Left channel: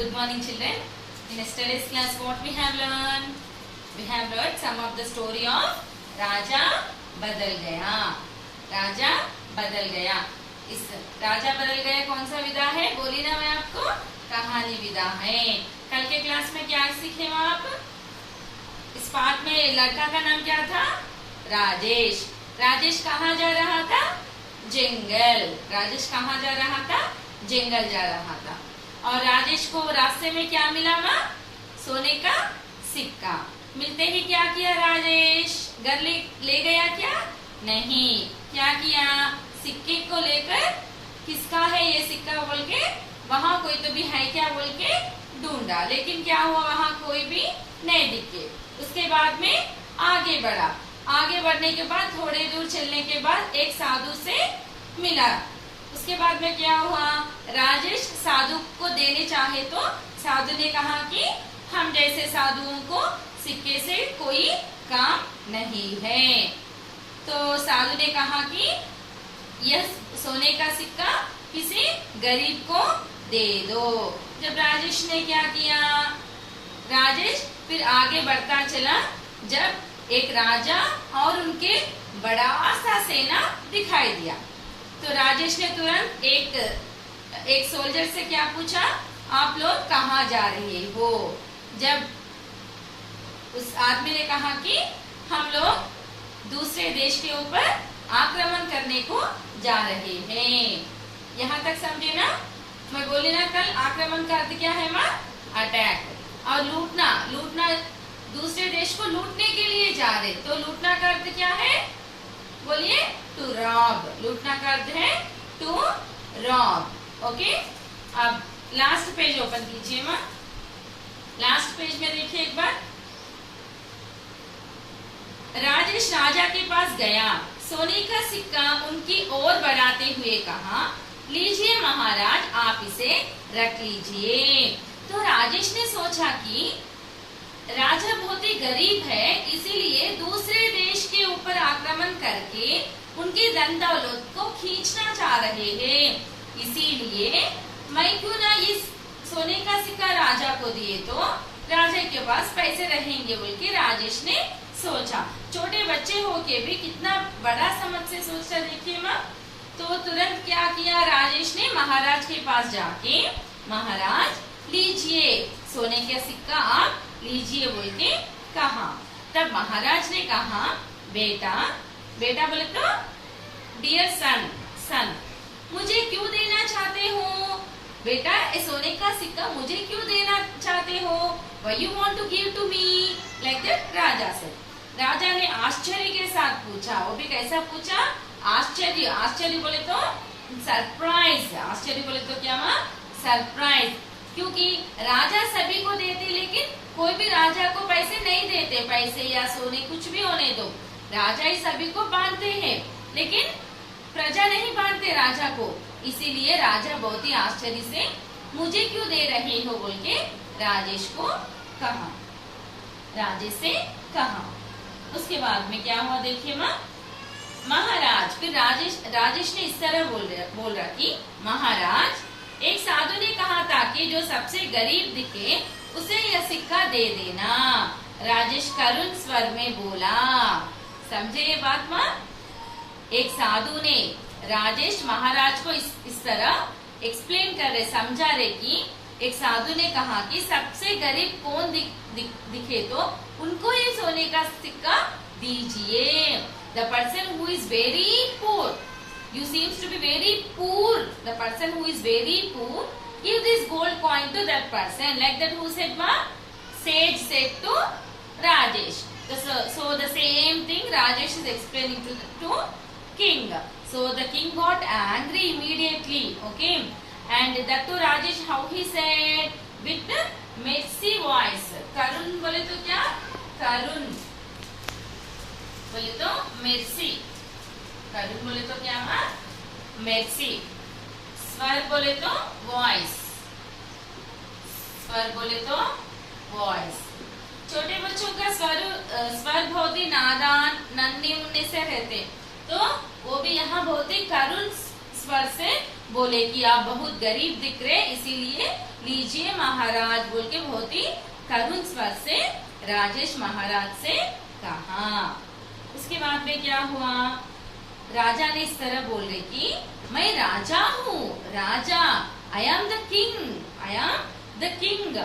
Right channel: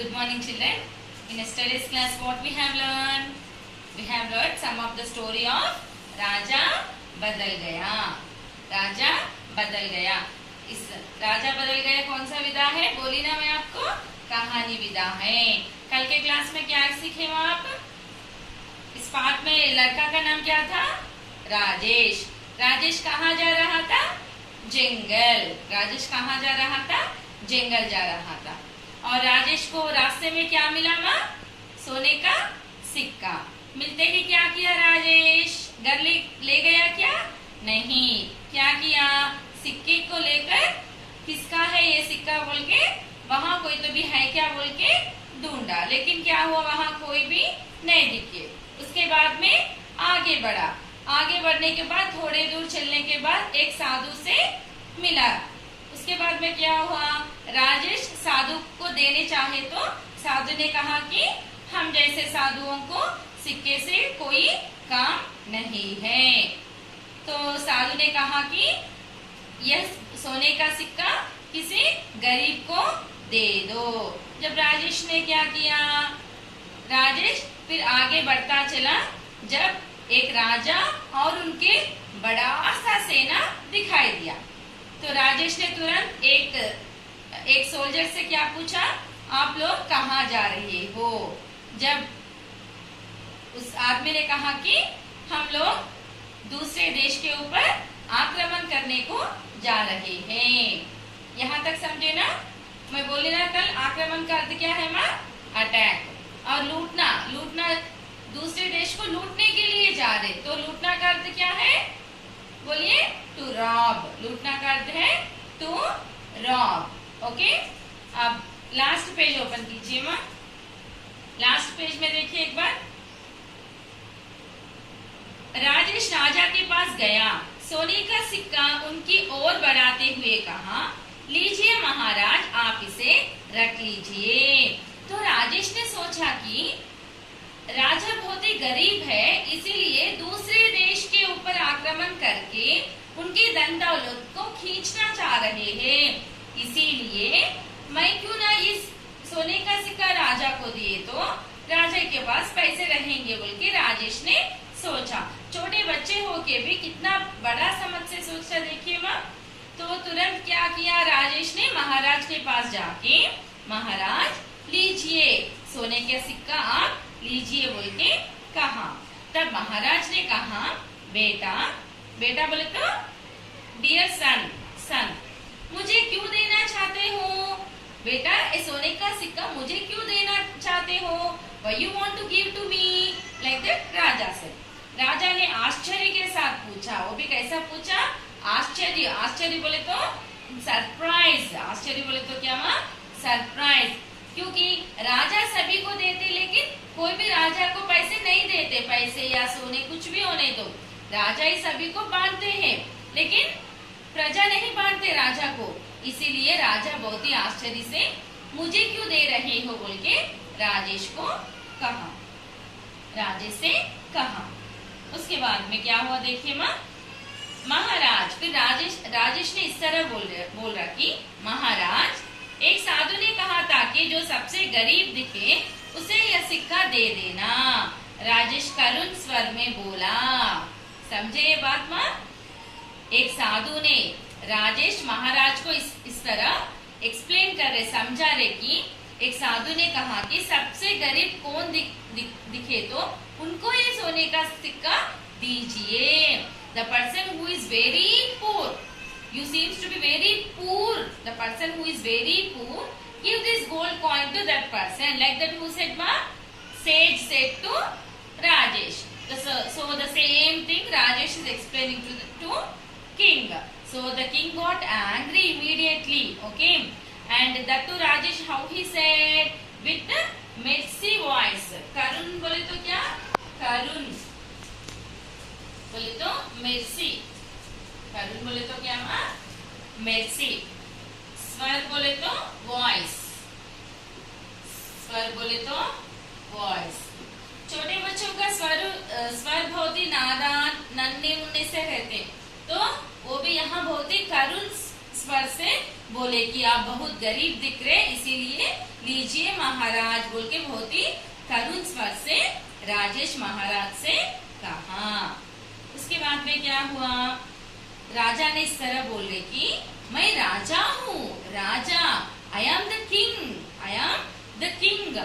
Good morning, children. In yesterday's class, what we have learned? We have learned some of the story of राजा बदल गया. राजा बदल गया. इस राजा बदल गया कौन सा विधा है? बोली ना मैं आपको, कहानी विधा है. कल के क्लास में क्या सीखे हो आप? इस पाठ में लड़का का नाम क्या था? राजेश. राजेश कहाँ जा रहा था? जंगल. राजेश कहाँ जा रहा था? जंगल जा रहा था. और राजेश को रास्ते में क्या मिला? वहाँ सोने का सिक्का. मिलते ही क्या किया राजेश? घर ले गया क्या? नहीं. क्या किया? सिक्के को लेकर किसका है ये सिक्का बोल के वहाँ कोई तो भी है क्या बोल के ढूंढा. लेकिन क्या हुआ? वहाँ कोई भी नहीं दिखे. उसके बाद में आगे बढ़ा. आगे बढ़ने के बाद थोड़े दूर चलने के बाद एक साधु से मिला. उसके बाद में क्या हुआ? राजेश साधु को देने चाहे तो साधु ने कहा कि हम जैसे साधुओं को सिक्के से कोई काम नहीं है. तो साधु ने कहा कि यह सोने का सिक्का किसी गरीब को दे दो. जब राजेश ने क्या किया? राजेश फिर आगे बढ़ता चला. जब एक राजा और उनके बड़ा सा सेना दिखाई दिया तो राजेश ने तुरंत एक सोल्जर से क्या पूछा? आप लोग कहाँ जा रहे हो? जब उस आदमी ने कहा कि हम लोग दूसरे देश के ऊपर आक्रमण करने को जा रहे हैं. यहाँ तक समझे ना? मैं बोली ना कल आक्रमण का अर्थ क्या है? माँ अटैक. और लूटना. लूटना दूसरे देश को लूटने के लिए जा रहे. तो लूटना का अर्थ क्या है? बोलिए. To rob. लूटना का अर्थ है टू रॉब. ओके. अब लास्ट पेज ओपन कीजिए माँ. लास्ट पेज में देखिए एक बार. राजेश राजा के पास गया. सोने का सिक्का उनकी ओर बढ़ाते हुए कहा, लीजिए महाराज, आप इसे रख लीजिए. तो राजेश ने सोचा कि राजा बहुत ही गरीब है, इसीलिए दूसरे देश के ऊपर आक्रमण करके उनकी धन दौलत को खींचना चाह रहे हैं. इसीलिए मैं क्यों ना इस सोने का सिक्का राजा को दिए तो राजा के पास पैसे रहेंगे बोल के राजेश ने सोचा. छोटे बच्चे होके भी कितना बड़ा समझ से सोचा. देखिए माँ. तो तुरंत क्या किया राजेश ने? महाराज के पास जाके, महाराज लीजिए सोने का सिक्का आप लीजिए बोल के कहा. तब महाराज ने कहा, बेटा. बेटा बोले तो डियर सन. सन मुझे क्यों देना चाहते हो? बेटा ये सोने का सिक्का मुझे क्यों देना चाहते हो? Why you want to give to me? Like that राजा से. राजा ने आश्चर्य के साथ पूछा. वो भी कैसा पूछा? आश्चर्य. आश्चर्य बोले तो सरप्राइज. आश्चर्य बोले तो क्या माँ? सरप्राइज. क्योंकि राजा सभी को देते लेकिन कोई भी राजा को पैसे नहीं देते. पैसे या सोने कुछ भी होने दो, राजा ही सभी को बांटते हैं लेकिन प्रजा नहीं बांटते राजा को. इसीलिए राजा बहुत ही आश्चर्य से मुझे क्यों दे रहे हो बोल के राजेश को कहा. राजेश से कहा. उसके बाद में क्या हुआ देखिए माँ. महाराज. फिर राजेश ने इस तरह बोल रहा कि महाराज, एक साधु ने कहा था कि जो सबसे गरीब दिखे उसे यह सिक्का दे देना. राजेश करुण स्वर में बोला. समझे ये बात माँ? एक साधु ने राजेश महाराज को इस तरह एक्सप्लेन कर रहे, समझा रहे कि एक साधु ने कहा कि सबसे गरीब कौन दिखे तो उनको ये सोने का सिक्का दीजिए. The person who is very poor, you seems to be very poor, the person who is very poor, give this gold coin to that person. Like that who said ma? Sage said to Rajesh. So the same thing Rajesh is explaining to king. So the king got angry immediately. Okay. And that to Rajesh how he said? With the mercy voice. Karun बोले तो क्या? Karun बोले तो mercy. करुण बोले तो क्या माँ? Mercy. स्वर बोले तो वॉइस. स्वर बोले तो वॉइस. छोटे बच्चों का स्वर बहुत ही नादान नन्हे मुन्ने से रहते, तो वो भी यहाँ बहुत ही करुण स्वर से बोले कि आप बहुत गरीब दिख रहे, इसीलिए लीजिए महाराज. महाराज बोल के बहुत ही करुण स्वर से राजेश महाराज से कहा। उसके बाद में क्या हुआ, राजा ने इस तरह बोल रहे कि मैं राजा हूँ, राजा, I am the king, I am the king.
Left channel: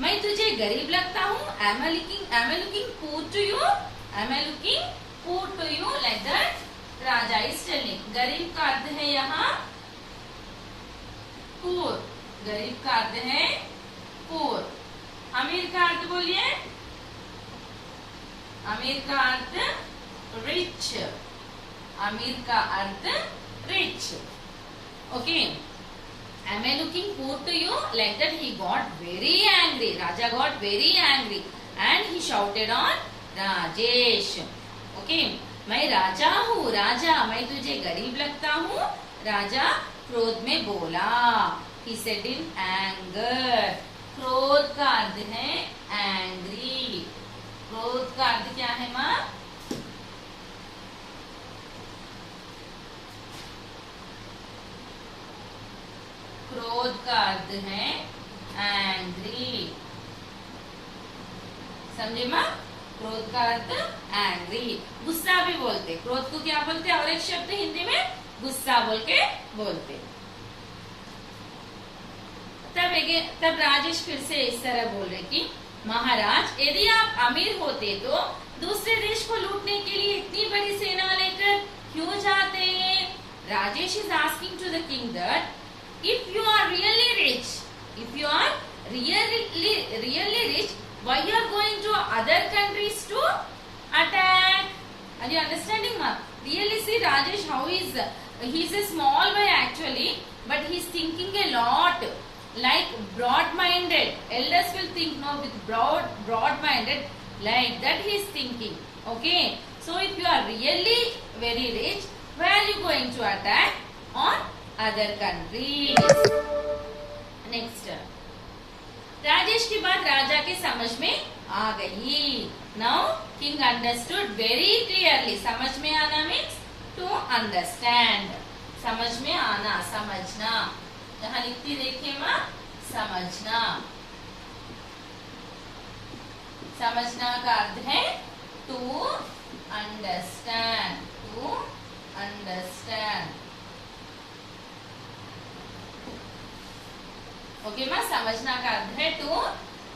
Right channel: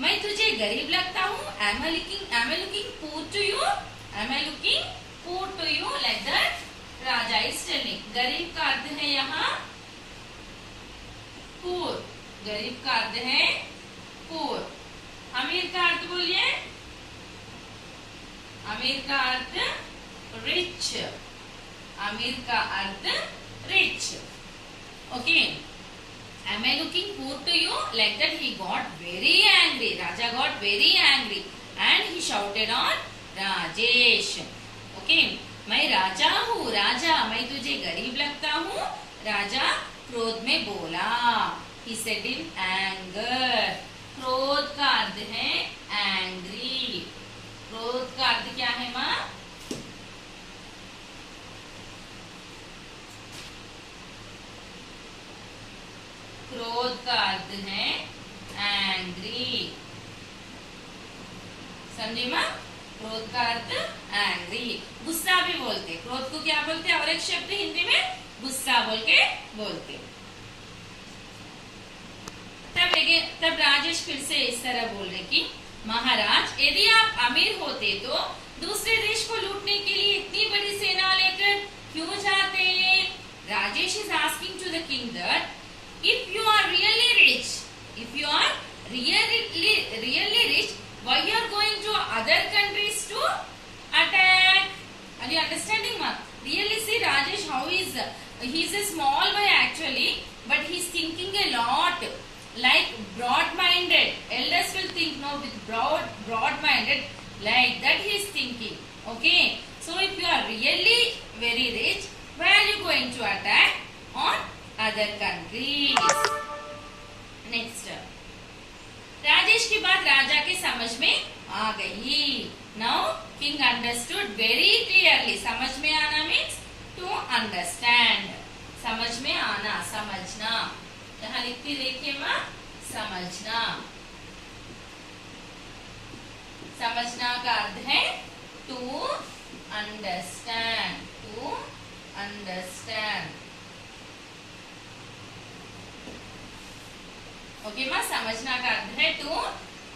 मैं तुझे गरीब लगता हूँ, am I looking poor to you? Am I looking poor to you? Like that Raja is telling। गरीब का अर्थ है यहाँ poor, गरीब का अर्थ है poor। अमीर का अर्थ बोलिए, अमीर का अर्थ रिच, अमीर का अर्थ rich. Okay, am I looking poor to you? Like that he got very angry. Raja got very angry and he shouted on Rajesh. Okay, मैं राजा हूँ, राजा, मैं तुझे गरीब लगता हूँ, राजा क्रोध में बोला। He said in anger. क्रोध का अर्थ है angry। क्रोध का अर्थ क्या है माँ? क्रोध का अर्थ है एंग्री। समझे माँ? क्रोध का अर्थ एंग्री। गुस्सा भी बोलते, क्रोध को क्या बोलते? और एक शब्द हिंदी में गुस्सा बोल के बोलते। तब राजेश फिर से इस तरह बोल रहे कि महाराज, यदि आप अमीर होते तो दूसरे देश को लूटने के लिए इतनी बड़ी सेना लेकर क्यों जाते? Rajesh is asking to the king that if you are really rich, if you are really rich, why you are going to other countries to attack? Are you understanding, ma? Really, see Rajesh how he is a small boy actually, but he is thinking a lot, like broad-minded. Elders will think no, with broad-minded, like that he is thinking. Okay, so if you are really very rich, where are you going to attack on other countries? Next, Rajesh की बात राजा के समझ में आ गई। Now king understood very clearly. समझ में आना means to understand, समझ में आना, समझना। यहाँ लिखती देखिए माँ, समझना। समझना का अर्थ है to understand, to understand. Okay माँ, समझना का अर्थ है टू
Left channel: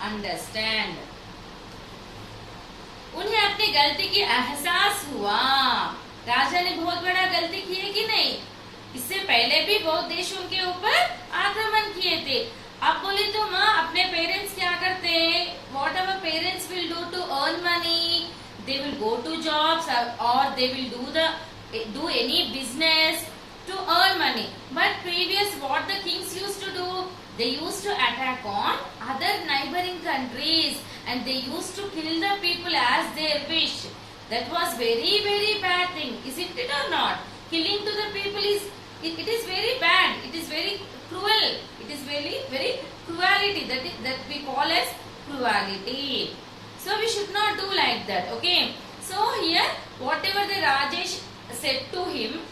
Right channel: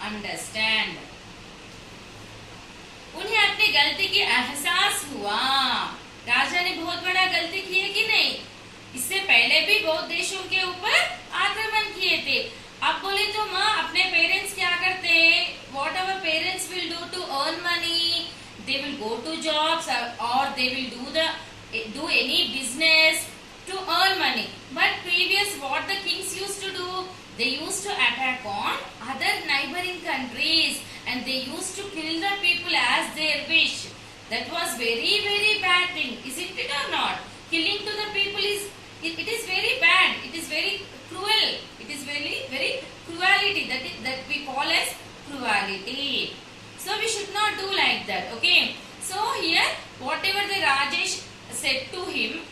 अंडरस्टैंड। उन्हें अपनी गलती की एहसास हुआ। राजा ने बहुत बड़ा गलती की है कि नहीं? इससे पहले भी बहुत देशों के ऊपर आक्रमण किए थे। अब बोले तो माँ, अपने पेरेंट्स क्या करते? Whatever parents will do to earn money, they will go to jobs और they will do any business to earn money. But previous what the kings used to do, they used to attack on other neighboring countries and they used to kill the people as their wish. That was very very bad thing, isn't it or not? Killing to the people is it is very bad. It is very cruel. It is very very cruelty that we call as cruelty. So we should not do like that. Okay. So here whatever the Rajesh said to him,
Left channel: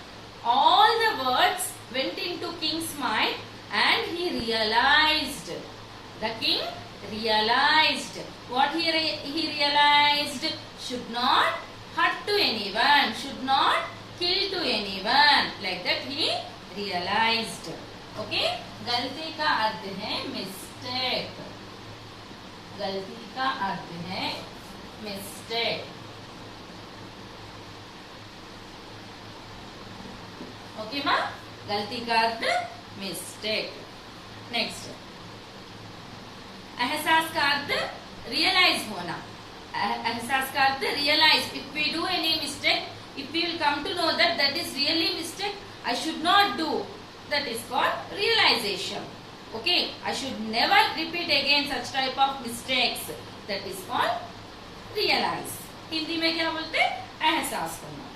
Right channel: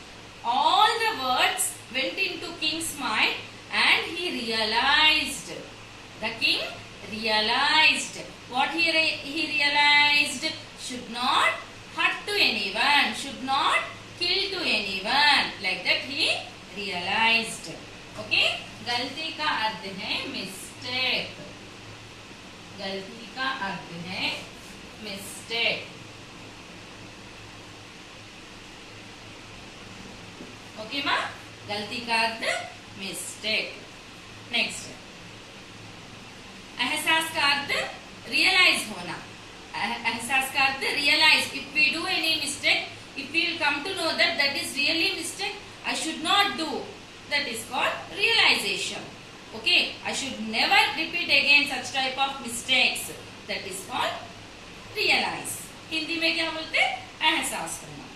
all the words went into king's mind and he realized, the king realized, what he realized, should not hurt to anyone, should not kill to anyone, like that he realized. Okay, गलती का अर्थ है mistake, गलती का अर्थ है mistake। Okay माँ, गलती का अर्थ मिस्टेक। नेक्स्ट, एहसास का अर्थ रियलाइज होना। एहसास का अर्थ realise. If we do any mistake, if we will come to know that that is really mistake, I should not do, that is called realisation. Okay, I should never repeat again such type of mistakes, that is called realise. Hindi में क्या बोलते? एहसास होना।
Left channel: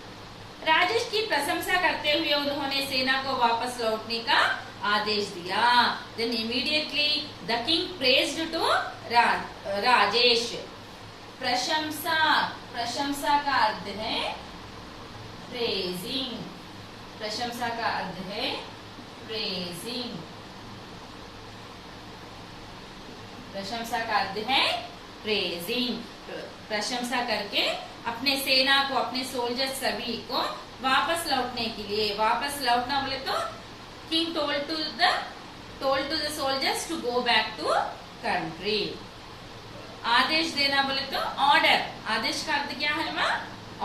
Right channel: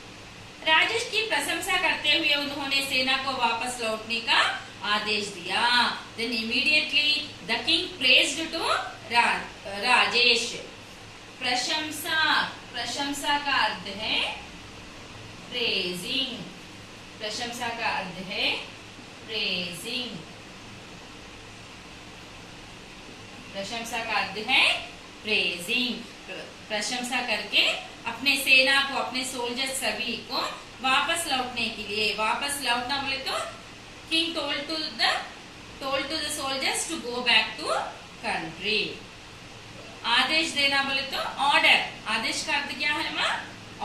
राजेश की प्रशंसा करते हुए उन्होंने सेना को वापस लौटने का आदेश दिया। Then immediately the king praised to Rajesh. प्रशंसा, प्रशंसा का अर्थ है प्रेजिंग, प्रशंसा का अर्थ है प्रेजिंग। प्रशंसा का अर्थ है प्रेजिंग। प्रशंसा करके अपने सेना को, अपने सोल्जर्स सभी को वापस लौटने के लिए, वापस लौटना बोले तो king told to the soldiers to go back to country. आदेश देना बोले तो ऑर्डर। आदेश का अर्थ क्या है माँ?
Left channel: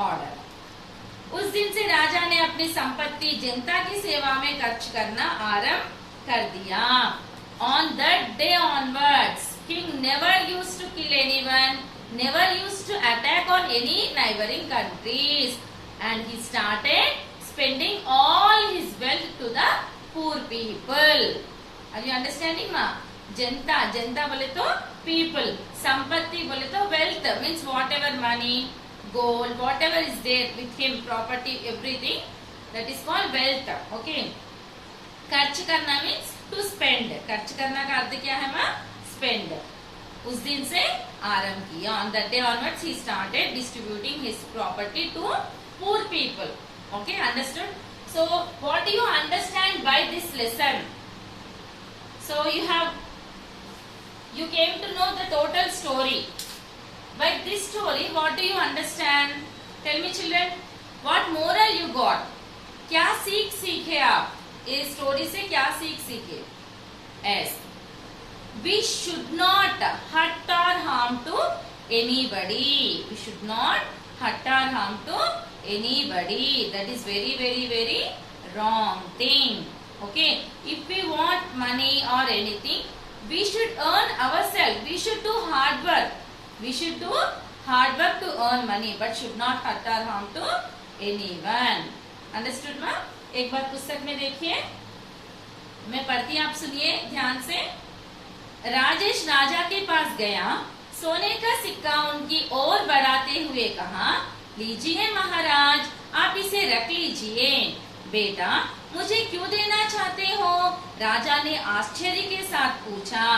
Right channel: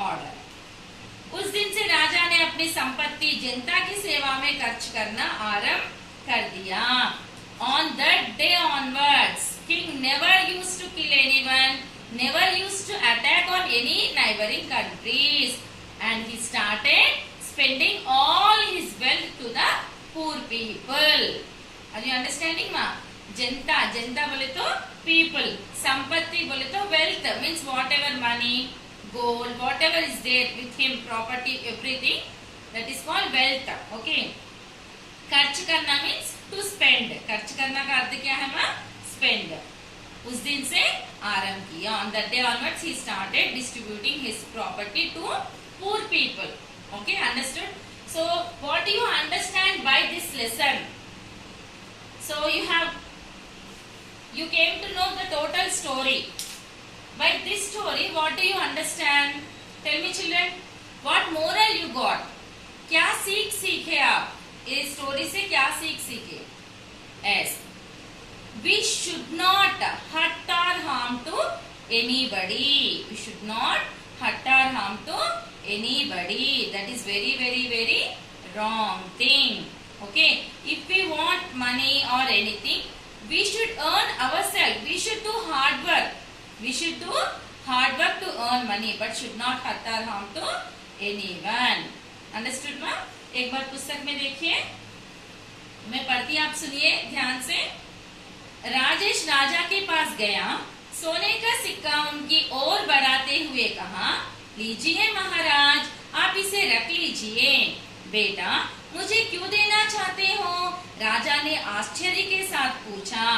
ऑर्डर। उस दिन से राजा ने अपनी संपत्ति जनता की सेवा में खर्च करना आरंभ कर दिया। On that day onwards, king never used to kill anyone, never used to attack on any neighboring countries, and he started spending all his wealth to the poor people. Are you understanding, ma? जनता, जनता बोले तो people, संपत्ति बोले तो wealth means whatever money, gold, whatever is there with him, property, everything, that is called wealth. Okay. खर्च करना means to spend. खर्च करना का अर्थ क्या है माँ? स्पेंड। उस दिन से आरंभ किया। On that day onwards he started distributing his property to poor people. Okay, understood? So what do you understand by this lesson? So you came to know the total story. By this story, what do you understand? Tell me children, what moral you got? क्या सीख सीखे आप? इस story से क्या सीख सीखे? Yes, we should not hurt or harm to anybody. We should not hurt or harm to anybody. That is very, very, very wrong thing. Okay, if we want money or anything, we should earn ourselves. We should do hard work. We should do hard work to earn money, but should not hurt or harm to anyone. Understood, ma? एक बार पुस्तक में देखिए, मैं पढ़ती आप सुनिए ध्यान से। राजेश राजा के पास गया, सोने का सिक्का उनकी ओर बढ़ाते हुए कहा, लीजिए महाराज, आप इसे रख लीजिए। बेटा, मुझे क्यों देना चाहते हो? राजा ने आश्चर्य के साथ पूछा।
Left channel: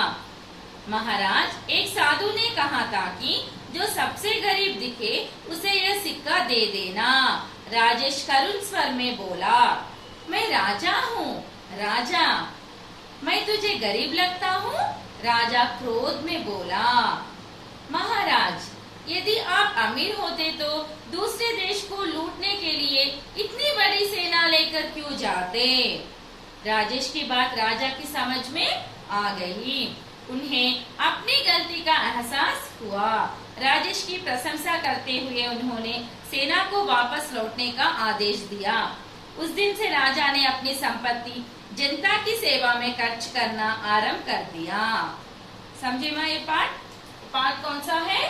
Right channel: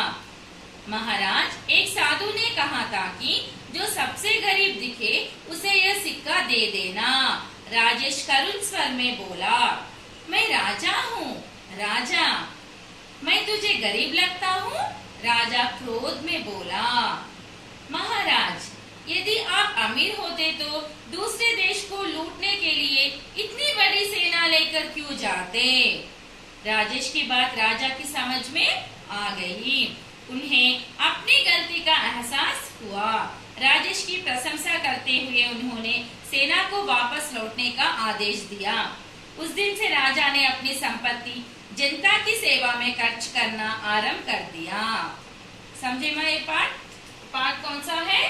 महाराज, एक साधु ने कहा था कि जो सबसे गरीब दिखे उसे यह सिक्का दे देना। राजेश करुण स्वर में बोला, मैं राजा हूँ। राजा, मैं तुझे गरीब लगता हूँ? राजा क्रोध में बोला। महाराज, यदि आप अमीर होते तो दूसरे देश को लूटने के लिए इतनी बड़ी सेना लेकर क्यों जाते? राजेश की बात राजा की समझ में आ गई। उन्हें अपनी गलती का एहसास हुआ। राजेश की प्रशंसा करते हुए उन्होंने सेना को वापस लौटने का आदेश दिया। उस दिन से राजा ने अपनी संपत्ति जनता की सेवा में खर्च करना आरंभ कर दिया। समझे मैं? ये पाठ कौन सा है?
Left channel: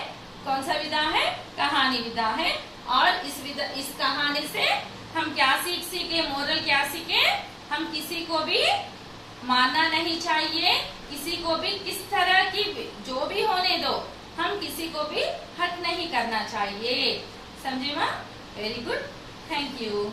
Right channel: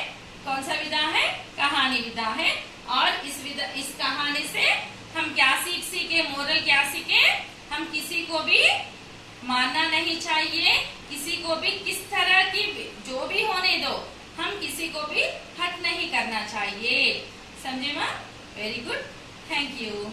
कौन सा विधा है? कहानी विधा है। और इस कहानी से हम क्या सीखे? मोरल क्या सीखे? हम किसी को भी मानना नहीं चाहिए, किसी को भी किस तरह की जो भी होने दो, हम किसी को भी हट नहीं करना चाहिए। समझे माँ? Very good, thank you.